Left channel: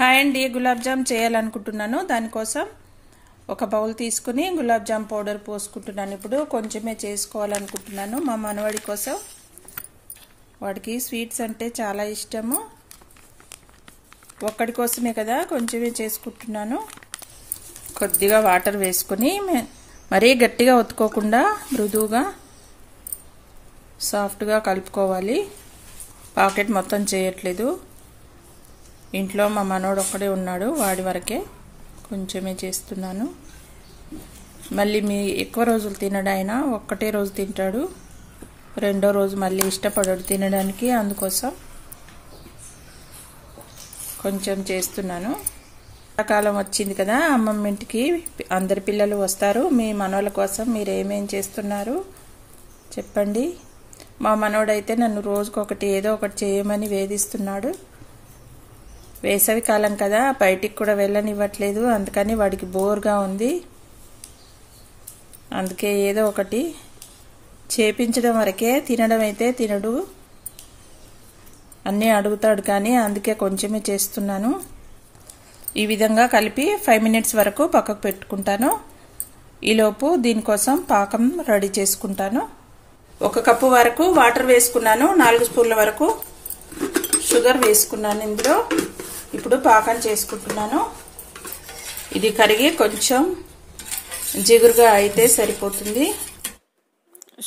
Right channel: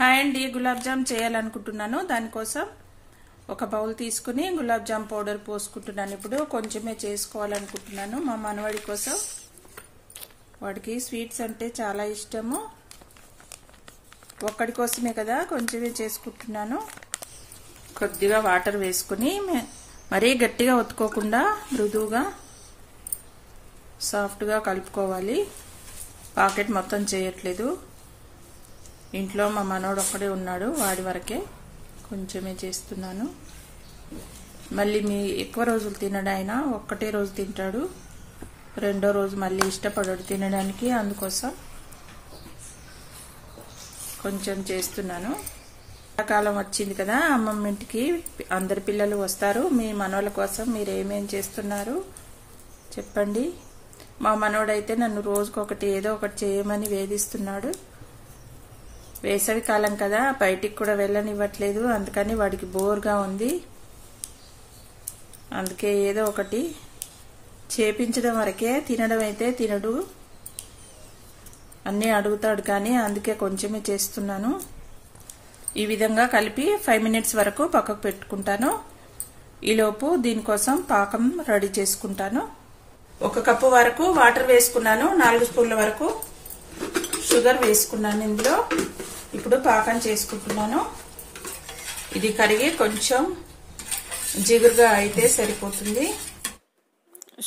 Hi అండి, గులాబ్ జామ్ చేయాలనుకుంటున్నాను. దానికోసం ఒక బౌల్ తీసుకుని గులాబ్ జామ్ పౌడర్ పోసుకుంటున్నాను. ఇప్పుడు కొంచెమే చేసుకోవాలనుకుంటున్నాను మా మనవడి కోసం. వాడికి స్వీట్స్ అంటే చాలా ఇష్టము. ఒక్కడి కోసమే కదా, కొంచెమే చేసుకుంటున్నాను. కొద్దిగా వాటర్ వేసుకుని మరీ గట్టిగా ఒత్తుకోకుండా మృదువుగా సాఫ్ట్గా కలుపుకోవాలి. పాకెట్ మొత్తం చేయట్లేదు. ఇంట్లో మా మనోడు ఒక్కడే ఉన్నాడు, వాడి వరకే కొంచెమే చేస్తున్నాను. మళ్ళీ మీ ఎక్కువ రోజులు తినడాయినా ఒక్కటే రోజు తింటాడు, రెండో రోజు మళ్ళీ ఇష్టపడడు తినడానికి. అందుకోసం కొంచెం చేస్తున్నాను. కాలం వచ్చింది కదా, అమ్మమ్మ ఇంటికి అందరి పిల్లలు వస్తారు. మీ మనోళ్ళ కోసం మీరు ఏమేం చేస్తున్నారు చెప్పండి. మా మనోడైతే నన్ను రోజుకొకటి ఏదో ఒకటి చేయమని వేధిస్తున్నాడు. వేసవి కాలం కదా, బయటికి కూడా వెళ్ళనివ్వట్లేదు. అందుకని వాడికి బోర్గా ఉంది. అందుకే ఏదో ఒకటి చేపించడం వరకే, తినడం అయితే తినడు. అన్నీ అడుగుతాడు కానీ, అందుకే కొంచెమే చేస్తున్నాను. ఈ విధంగా కలిపి 5 మినిట్స్ వరకు పక్కకు పెట్టుకుంటాను. ఈలోపు దీనికోసం పాకం రెడీ చేసుకుంటాను. 1 కప్పు వరకు వాటర్ వేసుకున్నాను. 4 స్పూన్ల వరకు షుగర్ వేసుకున్నాను ఇందులో. ఇప్పుడు పాకం చేసుకుంటున్నాను. ఇది కరిగి కొంచెం జిగురుగా అయితే సరిపోతుంది.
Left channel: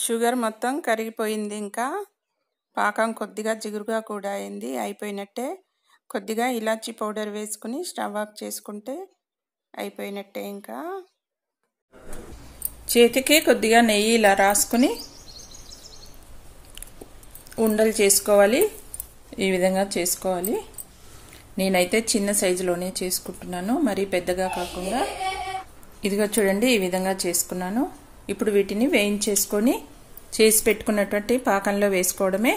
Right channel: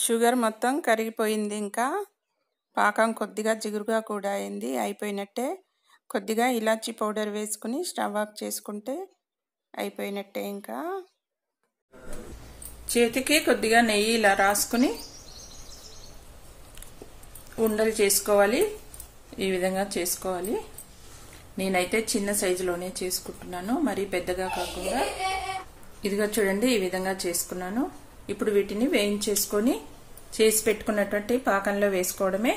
షుగర్ మొత్తం కరిగిపోయింది. ఇంకా పాకం కొద్దిగా జిగురుగా కూడా అయింది. అయిపోయినట్టే. కొద్దిగా ఇలాచీ పౌడర్ వేసుకుని స్టవ్ ఆఫ్ చేసుకుంటే అయిపోయినట్టే. ఇంకా చేతికి కొద్దిగా నెయ్యి ఇలా రాసుకుని ఉండలు చేసుకోవాలి. ఈ విధంగా చేసుకోవాలి. నేనైతే చిన్న సైజులోనే చేసుకుంటున్నాను, మరీ పెద్దగా కాకుండా. ఇదిగో చూడండి, ఈ విధంగా చేసుకున్నాను. ఇప్పుడు వీటిని వేయించేసుకొని చేసి పెట్టుకున్నటువంటి పాకంలో వేసుకోవడమే.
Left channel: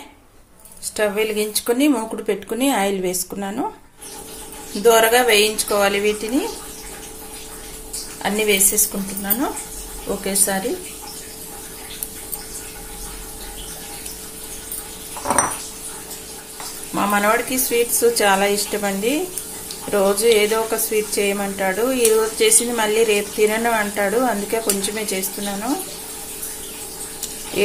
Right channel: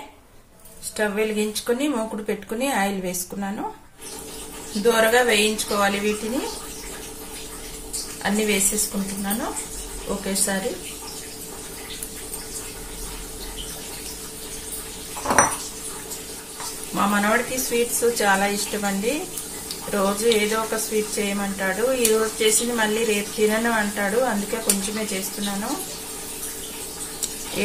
స్టవ్ వెలిగించుకొని మూకుడు పెట్టుకుని ఆయిల్ వేసుకున్నాను. దోరగా వేయించుకోవాలి. వీటిని అన్ని వేసేసుకుంటున్నాను ఒకేసారి. మా మనవాడికి స్వీట్స్ చాలా ఇష్టం అండి. రోజు ఏదో ఒక స్వీట్ చేయమంటాడు. ఈ రోజు చేసింది మళ్ళీ రేపు తినను అంటాడు. అందుకే కొంచెమే చేస్తున్నాను.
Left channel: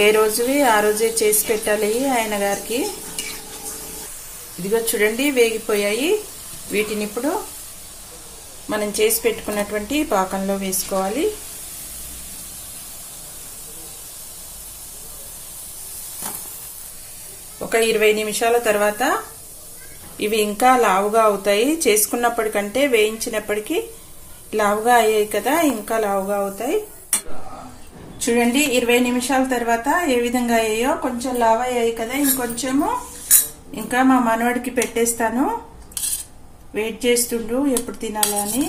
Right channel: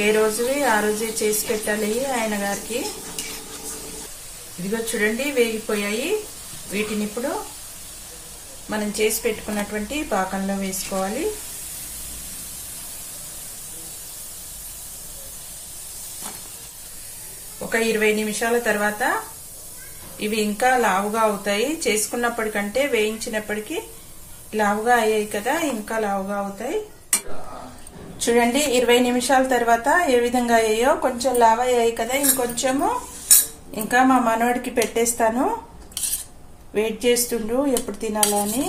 ఏ రోజువి ఆ రోజే చేసి పెట్టాలి ఆయన గారికి. ఇదిగో చూడండి, వేగిపోయాయి. వీటిని ఇప్పుడు మనం చేసి పెట్టుకున్నటువంటి పాకంలో వేసుకోవాలి. ఒక 20 నిమిషాల తర్వాత ఇవి ఇంకా లావుగా అవుతాయి. చేసుకున్నప్పటికంటే వేయించినప్పటికీ లావుగా అయ్యాయి కదా, ఇంకా లావుగా అవుతాయి. చూడండి, 20 నిమిషాల తర్వాత ఏ విధంగా అయ్యాయో. కొంచెం లావు అయ్యాయి కదా, ఇంకొంచెము. ఇంకా మా మనవడికి పెట్టేస్తాను. వెయిట్ చేస్తుండు ఎప్పుడు తినాలని.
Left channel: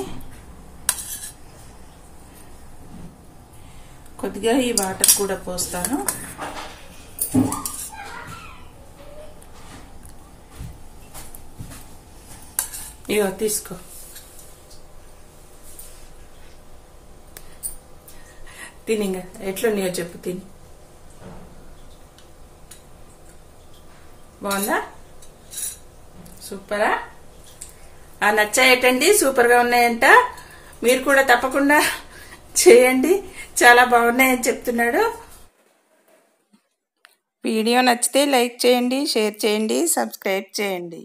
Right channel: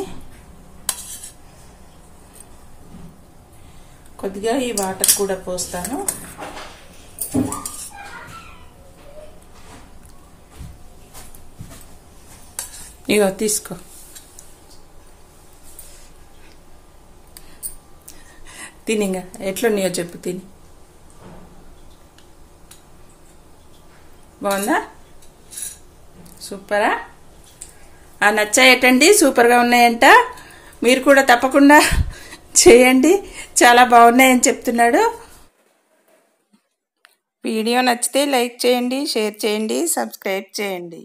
కొద్దిగా ఈ వాటర్ కూడా పోస్తాను. ఇగో తీసుకో. తినిగా ఎట్లున్నాయో చెప్పు. తిని బాగుందా? సూపరా? నచ్చాయటండి, సూపర్గా ఉన్నాయంట. మీరు కూడా తప్పకుండా చేయండి, చాలా బాగున్నాయని చెప్తున్నాడు. వీడియో నచ్చితే లైక్ చేయండి, షేర్ చేయండి, సబ్స్క్రైబ్ చేయండి.